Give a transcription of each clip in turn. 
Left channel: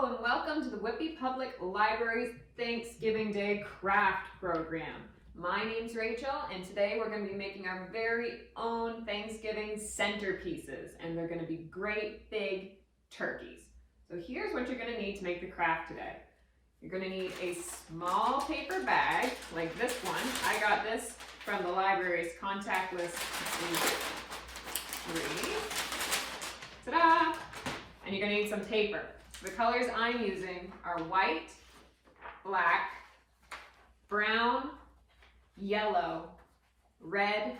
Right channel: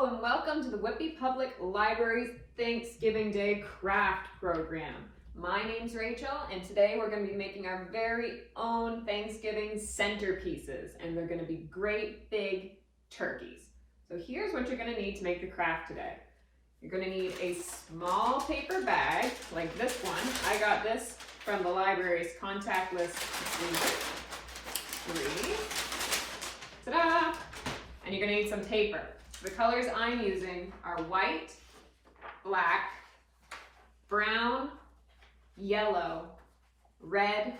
Hello and welcome to the Whitby Public Library's Thanksgiving Day Craft Program. My name's Rachel and today we're going to be making our very own Thanksgiving centerpieces, and they're going to be great big turkeys. So here's what you're going to need to make the craft today. You're going to need a small paper bag like this one. I got this from the library's contact list 3. Ta-da! And you're going to need some paper. The colors I'm using are white, black, brown, yellow, red,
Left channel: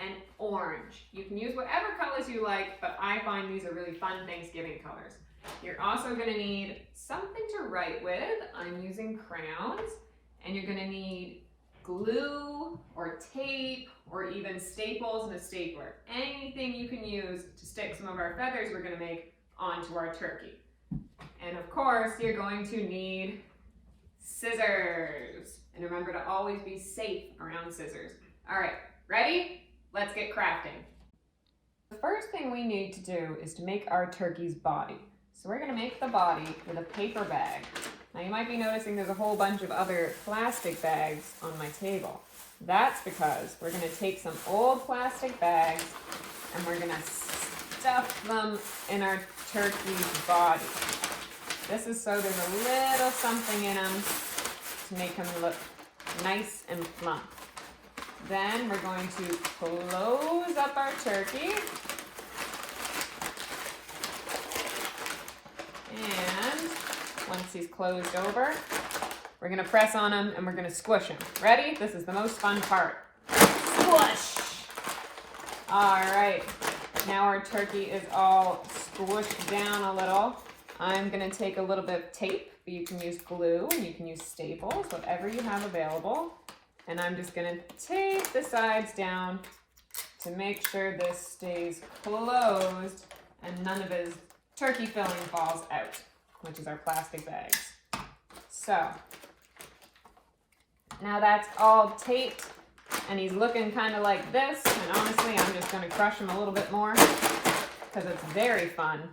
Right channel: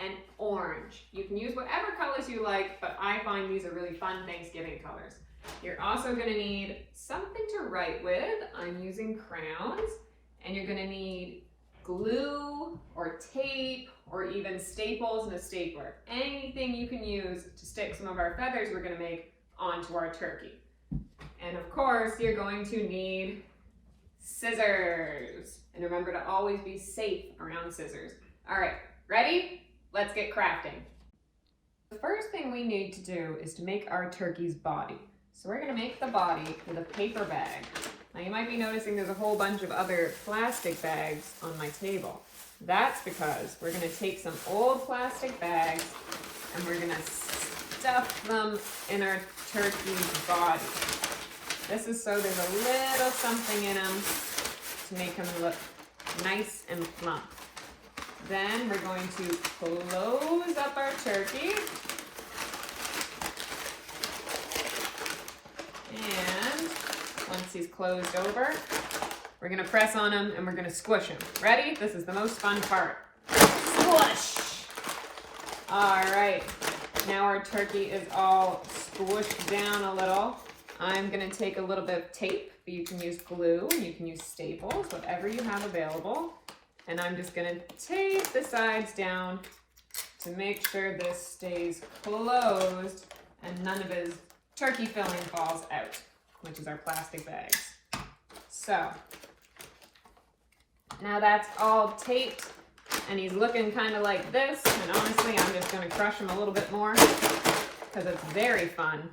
and orange. You can use whatever colors you like, but I find these are really fun Thanksgiving colors. You're also going to need something to write with. I'm using crayons, and you're going to need glue or tape or even staples and a stapler. Anything you can use to stick some of our feathers we're going to make onto our turkey. And of course, you're going to need scissors. And remember to always be safe around scissors. All right, ready? Let's get crafting. The first thing we need to do is to make our turkey's body. So we're going to make the body with a paper bag. Now you might be noticing there's a whole bunch of other plastic bags on my table. That's because we're going to take some old plastic bags and we're going to stuff them in our turkey's body. This is so there's a little something in them to make them look nice and plump. Then we're going to close up our turkey. And once he's closed over, we're going to press on him and we're going to squish him. Ready? This is the most fun part. Squish! All right. Now our turkey is all squished down a little. I'm going to take a little bit of tape. You can use glue and you can use staples, whatever you have available. And I'm just going to tape the sides down to make sure this stays closed and none of his turkey filling falls out, which is our plastic bags. So now that's all taped and he's looking kind of like this. And honestly, I'm just going to crush him a little bit more because it's very fun.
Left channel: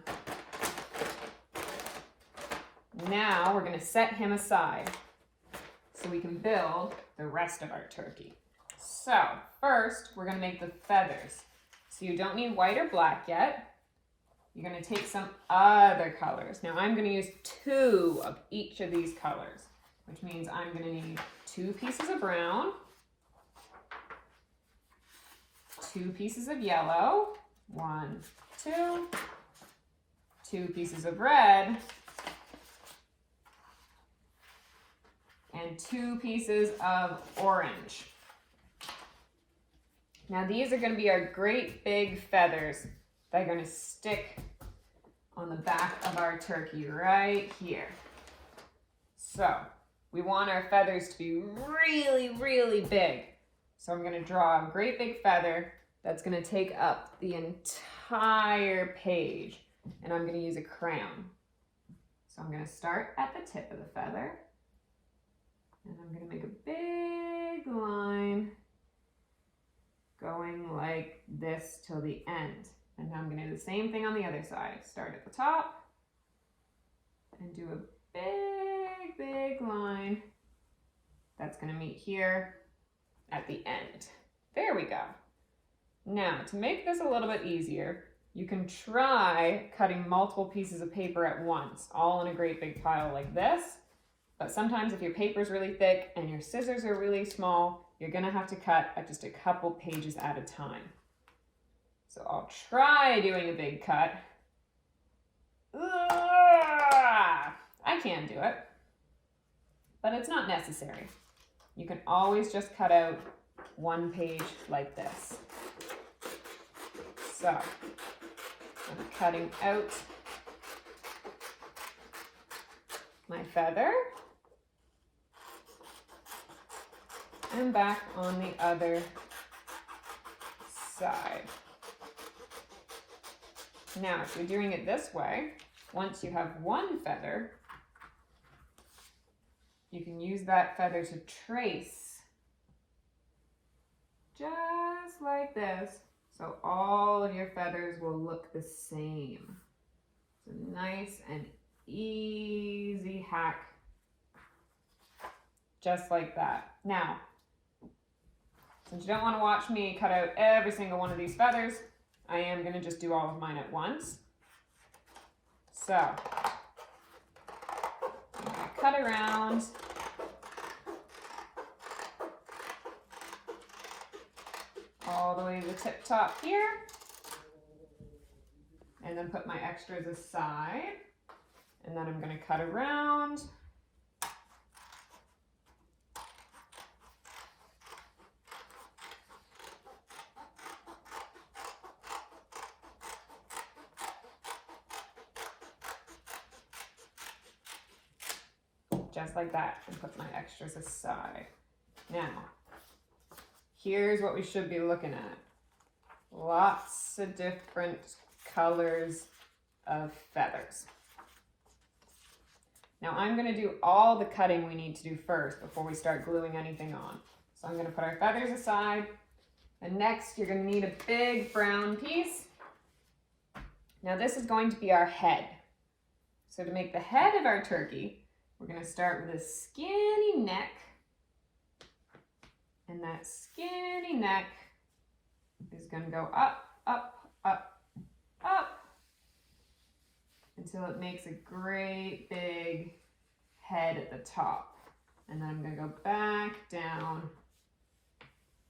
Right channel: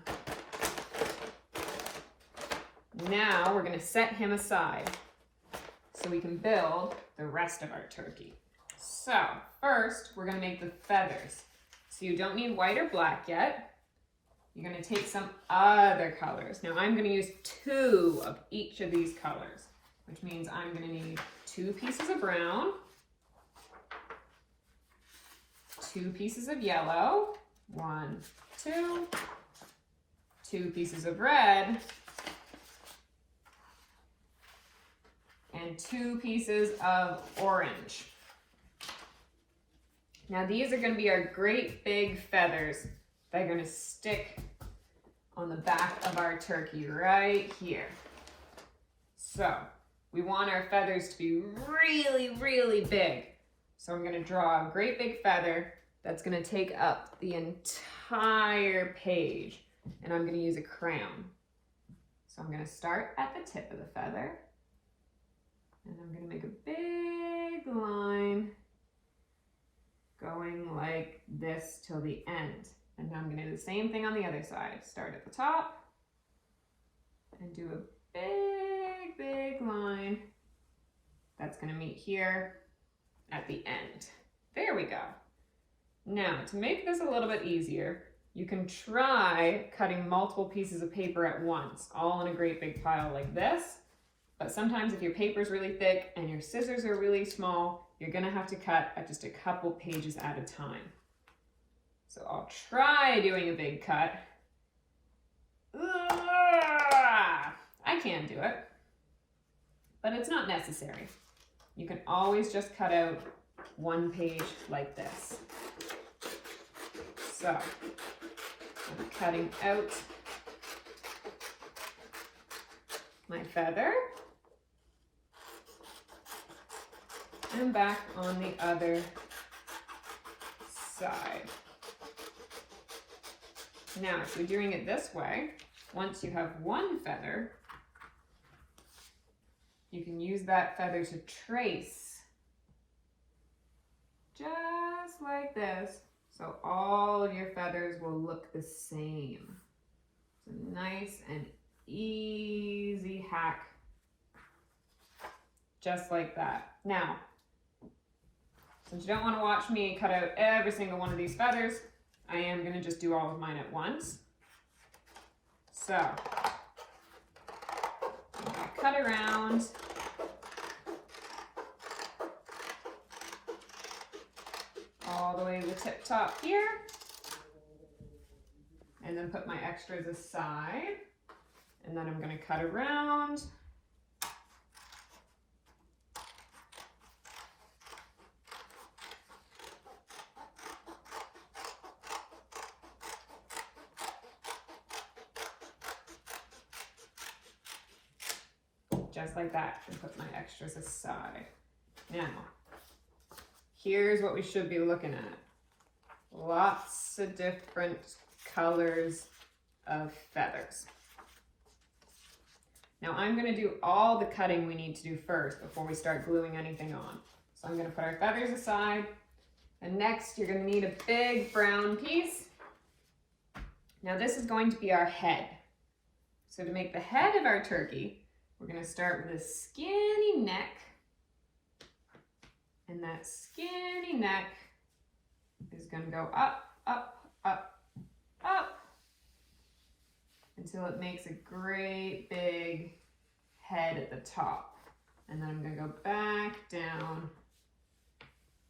Now we're going to set him aside so we can build the rest of our turkey. So first we're going to make the feathers. So you don't need white or black yet. You're going to take some other colors. Now I'm going to use 2 of each of these colors, which means I'm going to need 2 pieces of brown, 2 pieces of yellow, 1, 2, 2 pieces of red, and 2 pieces of orange. Now these are going to be our great big feathers that are going to stick on the back of our turkey right here. So we want our feathers to be really, really big. So I'm going to draw a great big feather that's going to take up the entire page, and I'm going to use a crayon. So I'm going to start at the tip of the feather. And I'm going to make a big line going like this till the end. And now I'm going to do the same thing on the other side. Start at the top and do a big, big line that's going to meet here at the end. There we go. Now, to make this a little bit easier, you can try cutting multiple pieces of paper at once, all in a great big pile like this. But sometimes if your paper is really thick and your scissors are really small, you're going to have to cut at just a couple pages at a time. So I'll try doing a big cut. I can do it, but it's not necessary. You can always just cut out 1 page like this. So I'm cutting out my feather. And back on the other side. Now, if you're doing it this way, once you have 1 feather, you can use that feather to trace just like this. So all of your feathers will look the same. So nice and easy hack. Just like that. Now, since you don't want to watch me cut out every single one of these feathers, I am going to just do all of mine at once. So, I'm going to cut around. All the way to the tip top here. And then put my extras aside. And then I'm going to cut around. Just like that, and put my extras aside. Now, here's what we should be looking at. Lots of different colors of feathers. Now I'm going to do all the cutting we need to do first before we start gluing anything on. So I'm going to put our feathers aside, and next you're going to need a big brown piece. Now this is going to be our head. So to make the head of our turkey, we're going to start with a skinny neck, and that skinny neck is going to go up, up, up, up, until it makes a great big head at the top. And then I'm going to go back down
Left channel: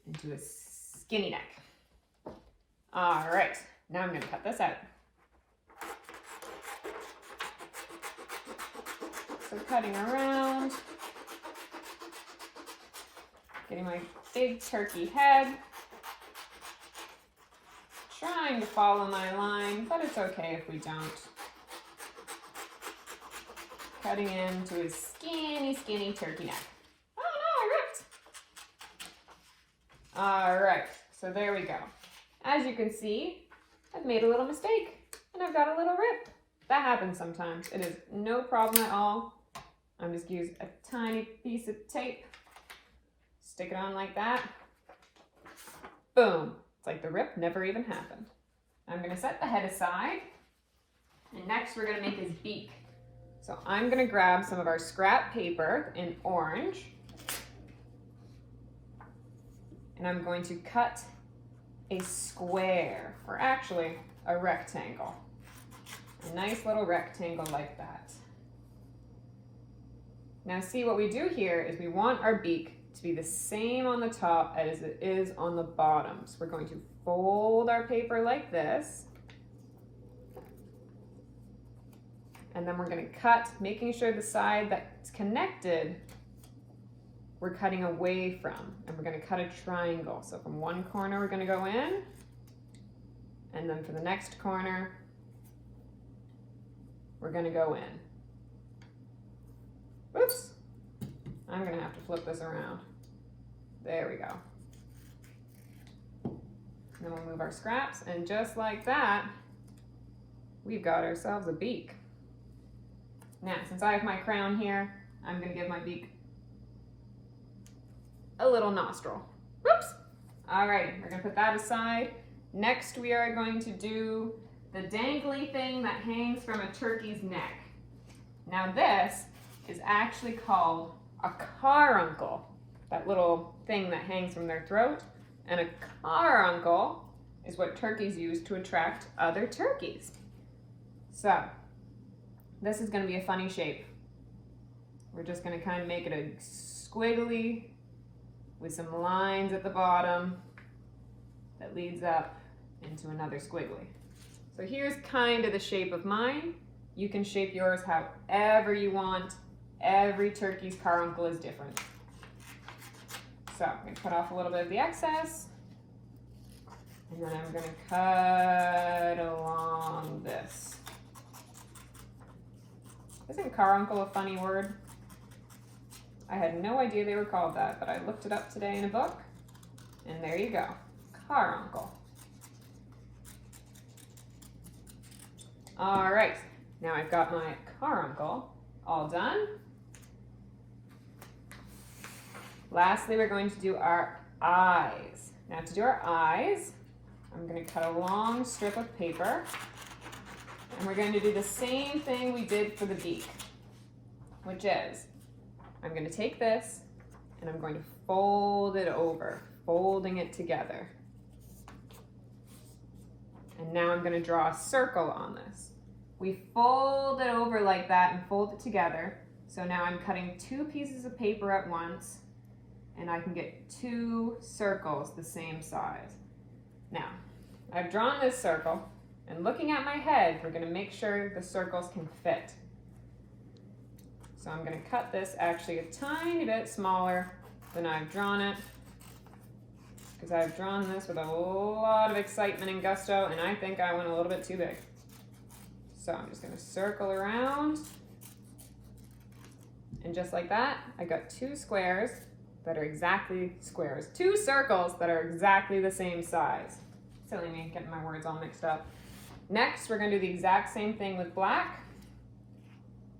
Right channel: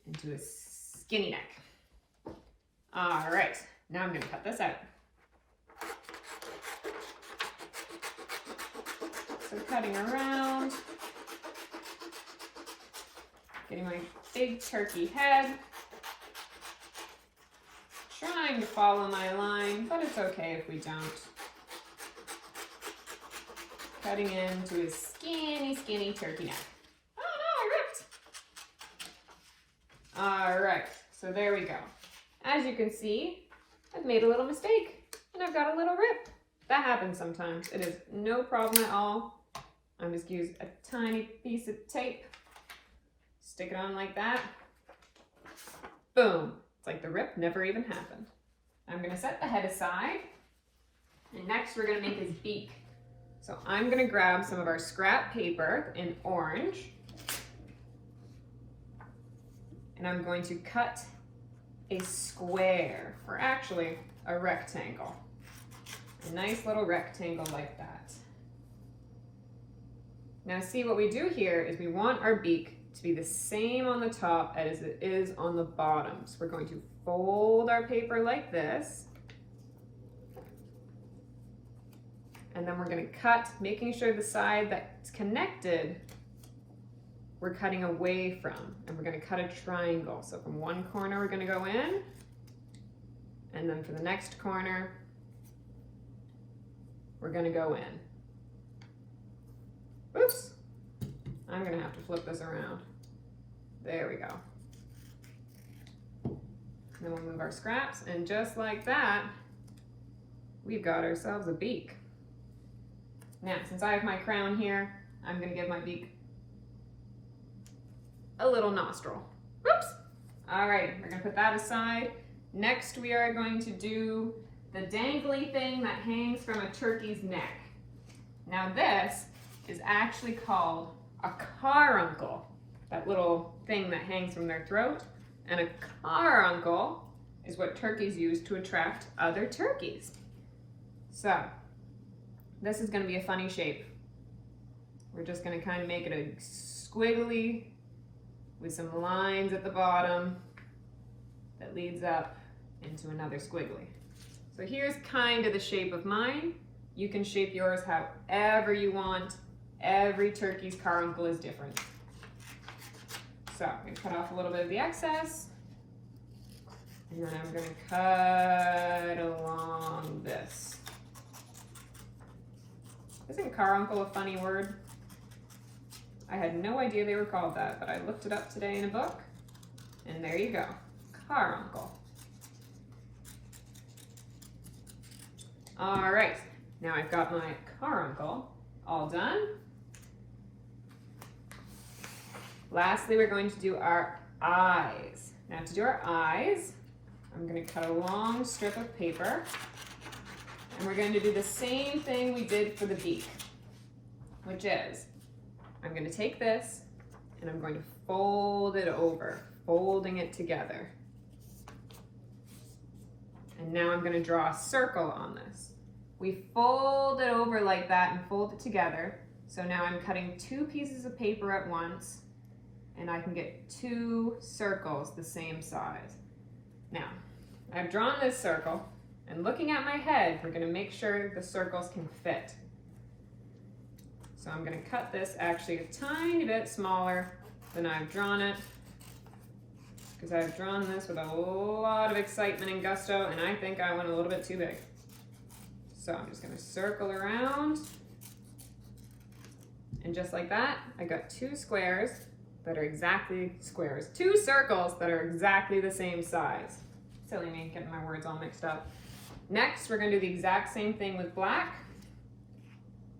into a skinny neck. All right, now I'm going to cut this out. So cutting around, getting my big turkey head, trying to follow my line, but it's okay if we don't. Cutting into a skinny, skinny turkey neck. Oh no, I ripped. All right, so there we go. As you can see, I've made a little mistake and I've got a little rip. That happens sometimes. It is no problem at all. I'm just going to use a tiny piece of tape, stick it on like that. Boom. It's like the rip never even happened. I'm going to set the head aside, and next we're going to make his beak. So I'm going to grab some of our scrap paper in orange, and I'm going to cut a square, or actually a rectangle. A nice little rectangle like that. Now see, what we do here is we want our beak to be the same on the top as it is on the bottom. So we're going to fold our paper like this. And then we're going to cut, making sure the side that's connected, we're cutting away from. And we're going to cut a triangle. So from one corner we're going to go in. And then for the next corner, we're going to go in. Oops, I'm gonna have to flip this around. There we go. And then we'll move our scraps, and just like that, we've got ourselves a beak. Now, since I have my crown here, I'm gonna give my beak a little nostril. Whoops! All right, we're gonna put that aside. Next, we are going to do the dangly thing that hangs from a turkey's neck. Now this is actually called a caruncle, that little thing that hangs from their throat. And a caruncle is what turkeys use to attract other turkeys. So this is going to be a funny shape. We're just going to kind of make it a squiggly with some lines at the bottom that leads up into another squiggly. So here's kind of the shape of mine. You can shape yours however you want. Every turkey's caruncle is different. So I'm going to cut off a little bit of the excess, and then I'm going to cut along this. Isn't caruncle a funny word? I had no idea they were called that, but I looked it up today in a book, and there you go, caruncle. All right, now I've got my caruncle all done. Lastly, we're going to do our eyes. Now to do our eyes, I'm going to cut a long strip of paper. And we're going to do the same thing we did for the beak, which is, I'm going to take this and I'm going to fold it over, folding it together. And now I'm going to draw a circle on this. We fold it over like that and fold it together. So now I'm cutting 2 pieces of paper at once, and I can get 2 circles the same size. Now, I've drawn this circle, and looking at my head, we're going to make sure the circles can fit. So I'm going to cut this actually a tiny bit smaller than I've drawn it, because I've drawn this with a lot of excitement and gusto, and I think I went a little bit too big. So I'm just going to circle around, and just like that, I got 2 squares that are exactly squares. 2 circles that are exactly the same size. Silly me, getting my words all mixed up. Next, we're going to do the exact same thing with black.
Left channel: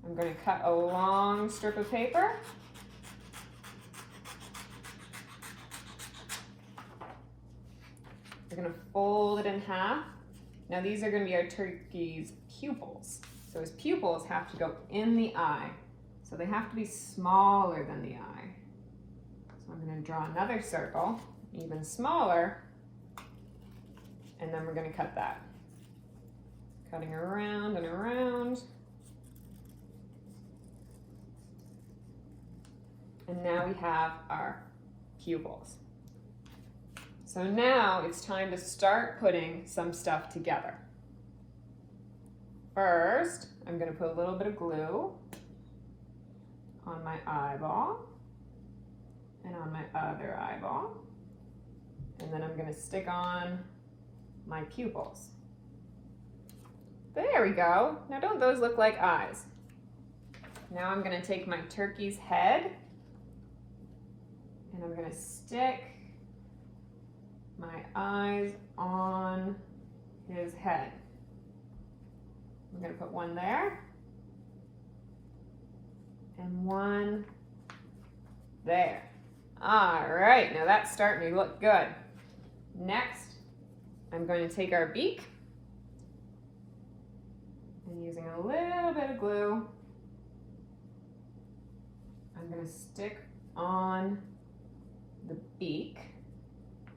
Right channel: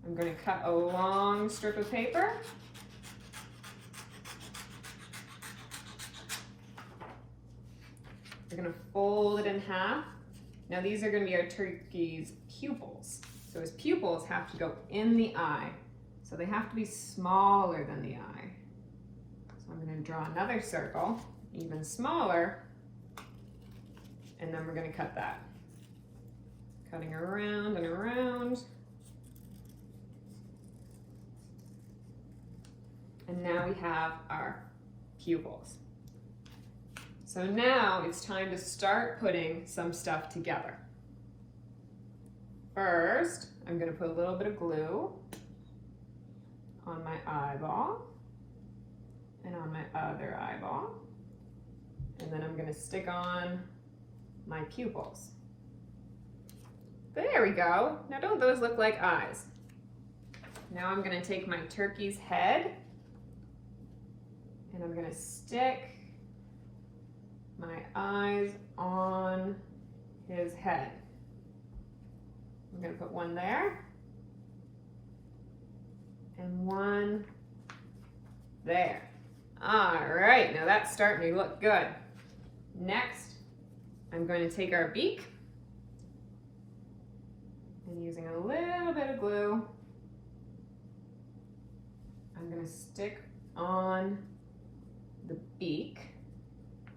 I'm going to cut a long strip of paper. We're going to fold it in half. Now these are going to be our turkey's pupils. So his pupils have to go in the eye. So they have to be smaller than the eye. So I'm going to draw another circle, even smaller, and then we're going to cut that. Cutting around and around. And now we have our pupils. So now it's time to start putting some stuff together. First, I'm going to put a little bit of glue on my eyeball and on my other eyeball. And then I'm going to stick on my pupils. There we go. Now don't those look like eyes? Now I'm going to take my turkey's head and I'm going to stick my eyes on his head. I'm going to put one there and one there. All right, now that's starting to look good. Next, I'm going to take our beak and using a little bit of glue, I'm going to stick on the beak.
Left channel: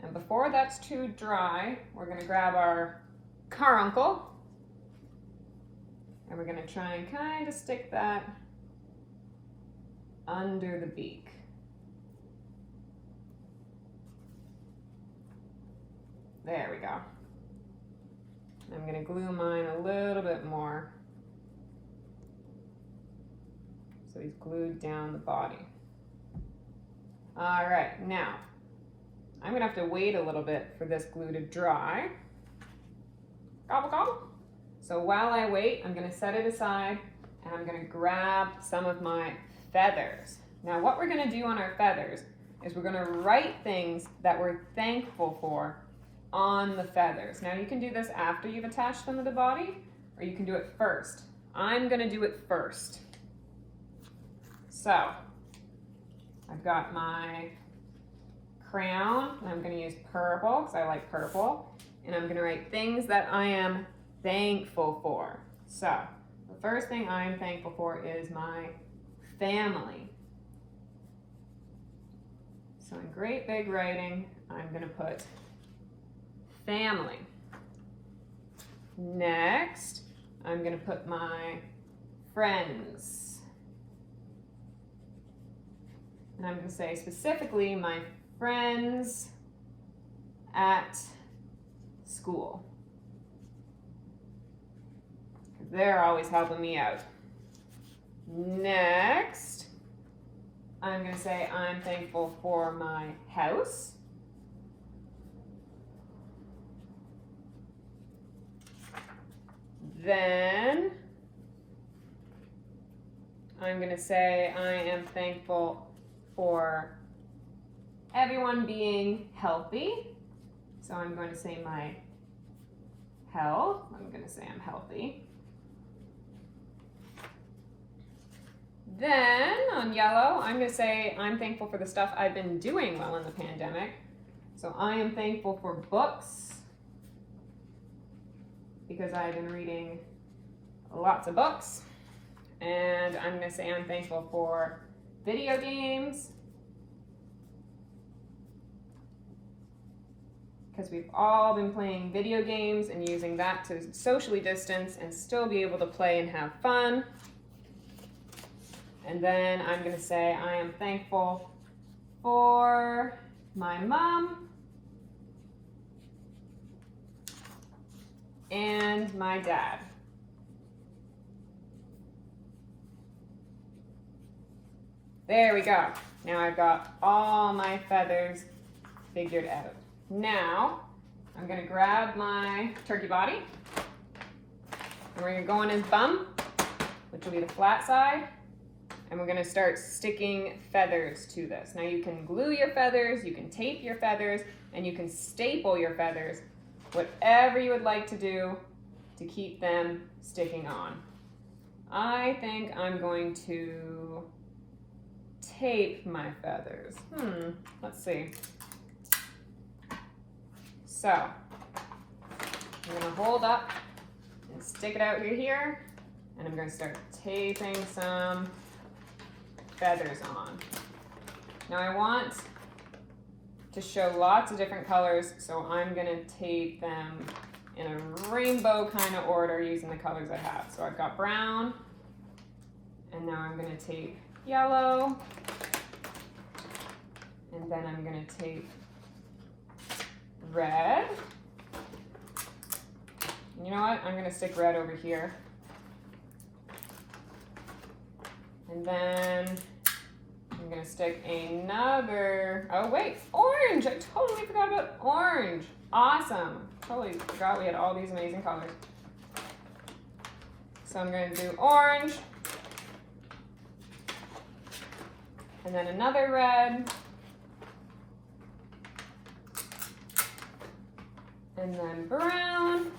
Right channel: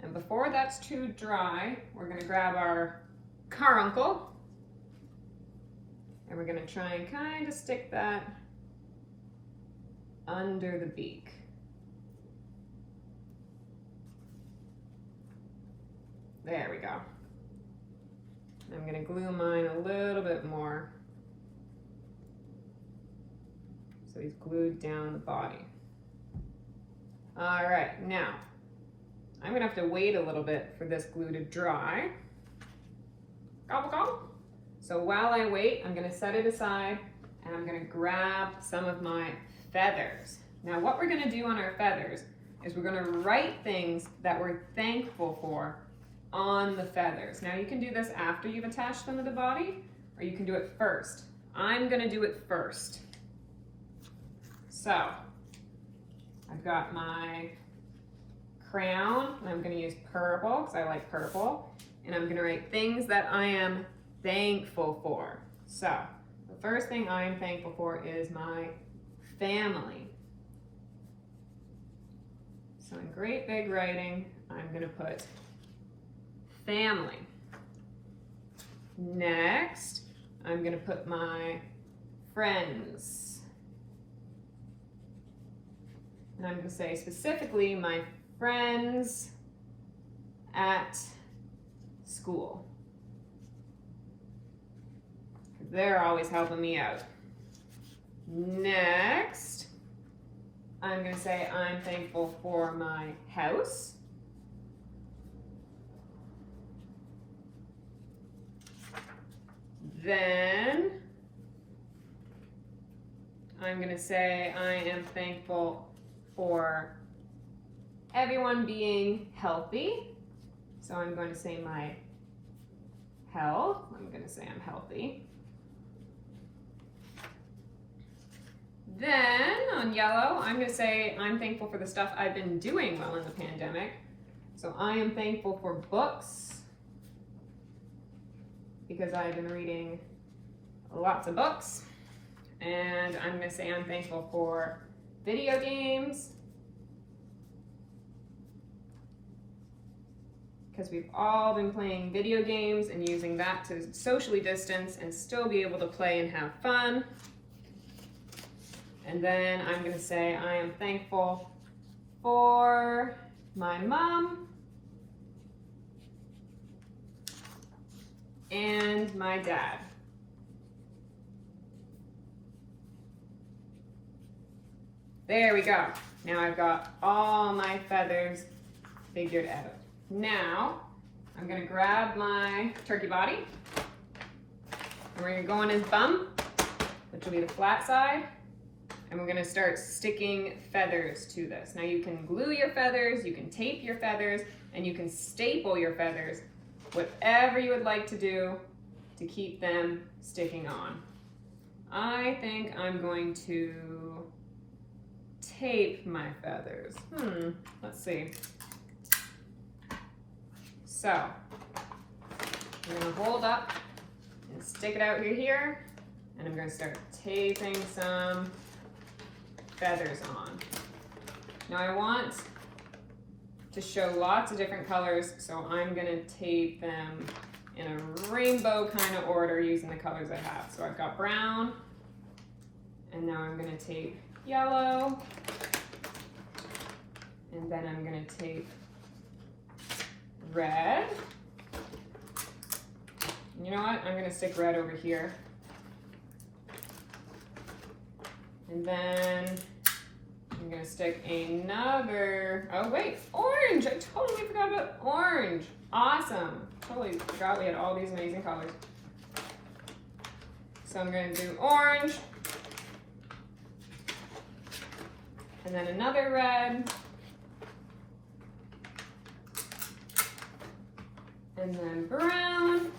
And before that's too dry, we're going to grab our carbuncle and we're going to try and kind of stick that under the beak. There we go. I'm going to glue mine a little bit more so he's glued down the body. All right, now I'm going to have to wait a little bit for this glue to dry. Gobble gobble. So while I wait, I'm going to set it aside and I'm going to grab some of my feathers. Now what we're going to do on our feathers is we're going to write things that we're thankful for on the feathers. Now you can do this after you've attached them to the body, or you can do it first. I'm going to do it first. So I've got my crown, and I'm going to use purple because I like purple, and I'm going to write things that I am thankful for. So the first thing I am thankful for is my family. So in great big writing, I'm going to put family. Next, I'm going to put my friends. And I'm going to say specifically my friends at school. Because they're always helping me out. Next, I'm going to say I'm thankful for my house. Then I'm going to say I am thankful for everyone being healthy. So I'm going to say my health. I'm going to say I'm healthy. Then on yellow, I'm going to say I'm thankful for the stuff I've been doing while in the pandemic. So I am thankful for books, because I've been reading lots of books. And I'm gonna say I'm thankful for video games, because we've all been playing video games and using that to socially distance and still be able to play and have fun. And then I'm gonna say I am thankful for my mom and my dad. There we go. Now I've got all my feathers figured out. Now I'm gonna grab my turkey body and we're gonna go on his bum, which will be the flat side, and we're gonna start sticking feathers to this. Now you can glue your feathers, you can tape your feathers, and you can staple your feathers, whatever you would like to do to keep them sticking on. I think I'm going to tape my feathers. Let's see. So, I'm gonna hold up and stick it out here, and I'm gonna start taping some feathers on. Now I want to show lots of different colors, so I'm gonna tape them in a rainbow kind of order using the colors I have. So I've got brown, and now I'm gonna tape yellow, and then I'm gonna tape red. You know what? I'm gonna stick red over here. And then I'm gonna stick another, oh wait, orange! I totally forgot about orange. Awesome. Totally forgot we had all these amazing colors. So I'm gonna do orange. And then another red. And then brown.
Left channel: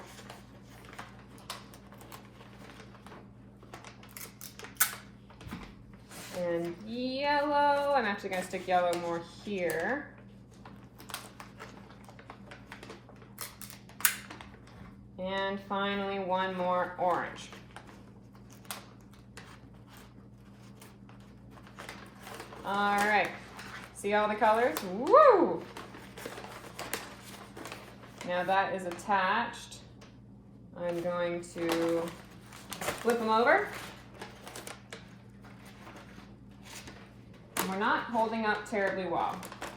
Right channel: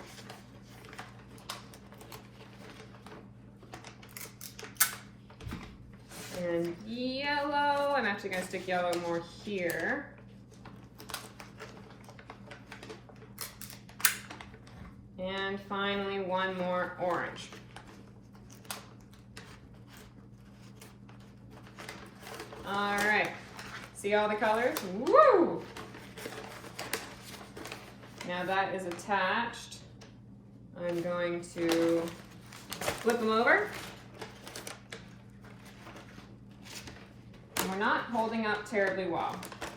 And yellow. I'm actually going to stick yellow more here. And finally, one more orange. All right. See all the colors? Woo! Now that is attached. I'm going to flip them over. And we're not holding up terribly well,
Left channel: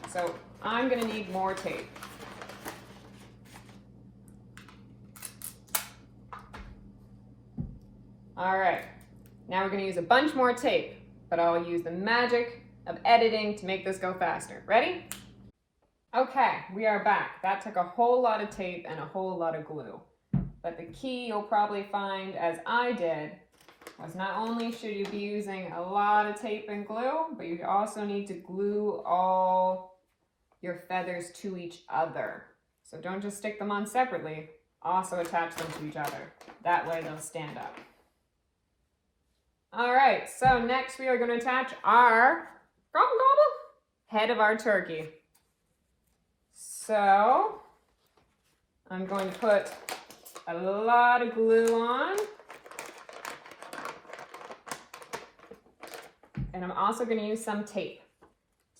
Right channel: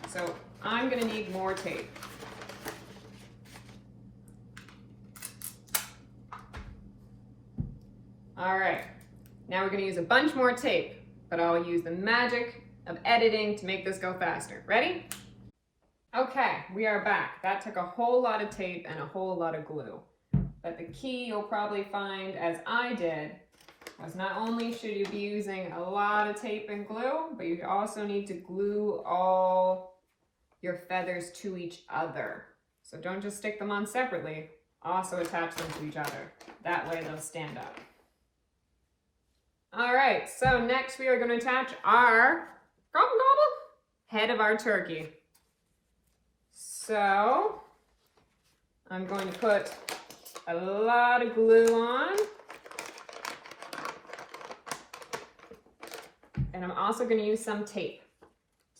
so I'm gonna need more tape. All right, now we're gonna use a bunch more tape, but I'll use the magic of editing to make this go faster. Ready? Okay, we are back. That took a whole lot of tape and a whole lot of glue. But the key you'll probably find, as I did, was not only should you be using a lot of tape and glue, but you also need to glue all your feathers to each other. So don't just stick them on separately, also attach them to each other. That way they'll stand up. All right, so next we are going to attach our Gobble Gobble head of our turkey. So I'm going to put a lot of glue on. And I'm also going to use some tape.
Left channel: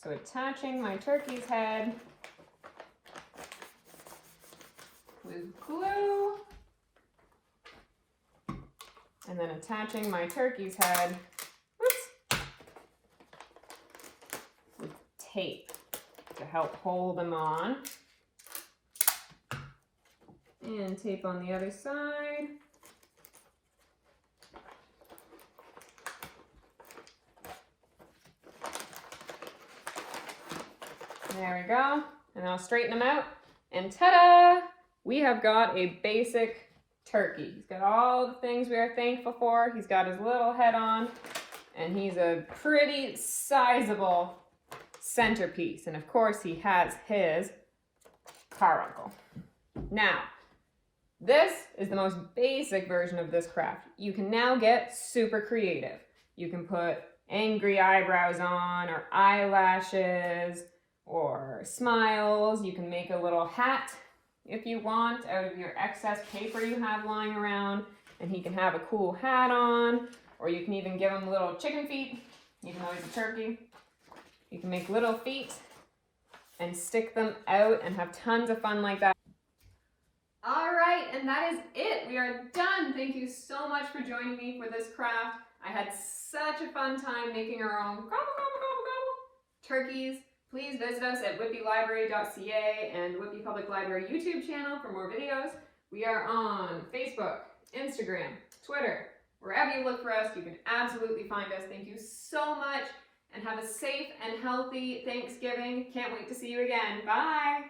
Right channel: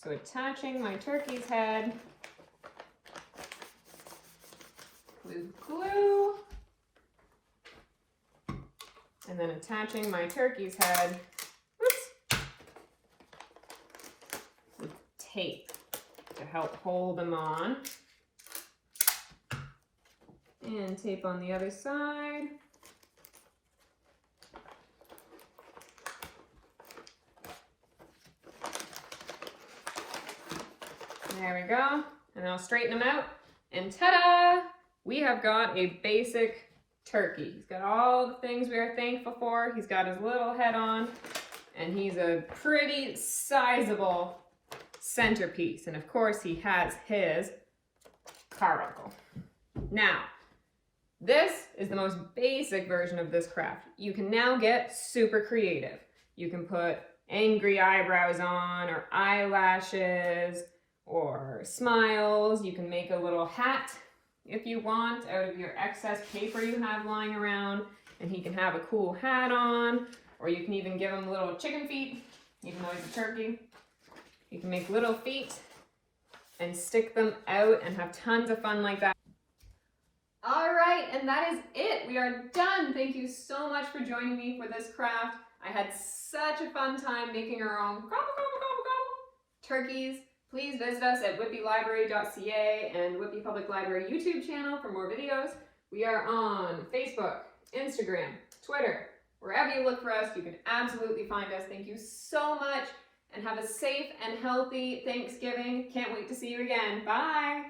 So attaching my turkey's head with glue. And then attaching my turkey's head with tape to help hold them on. And tape on the other side. There we go. And I'll straighten them out. And ta-da! We have got a basic turkey. He's got all the things we are thankful for. He's got his little head on. And he's a pretty sizable centerpiece. And of course he has his carbuncle. Now, this is the most basic version of this craft. You can now get super creative. You can put angry eyebrows on, or eyelashes, or smiles. You can make a little hat if you want out of your excess paper you have lying around. and he can have a cool hat on, or you can even give him little chicken feet, even though he's a turkey. You can make little feet and stick them out and have tons of fun like that. All right, and that is it. We are done. Thank you so much for joining me for this craft. I had such a fun time making our own gobble, gobble, gobble, gobble turkeys. Please visit us at whitbylibrary.ca and Whitby Public Library YouTube channel for more videos. We are on Facebook, Instagram, Twitter. Wherever you look for us, you can absolutely find us. Thank you so much, and have a safe and healthy Thanksgiving. Can't wait to see you again. Bye.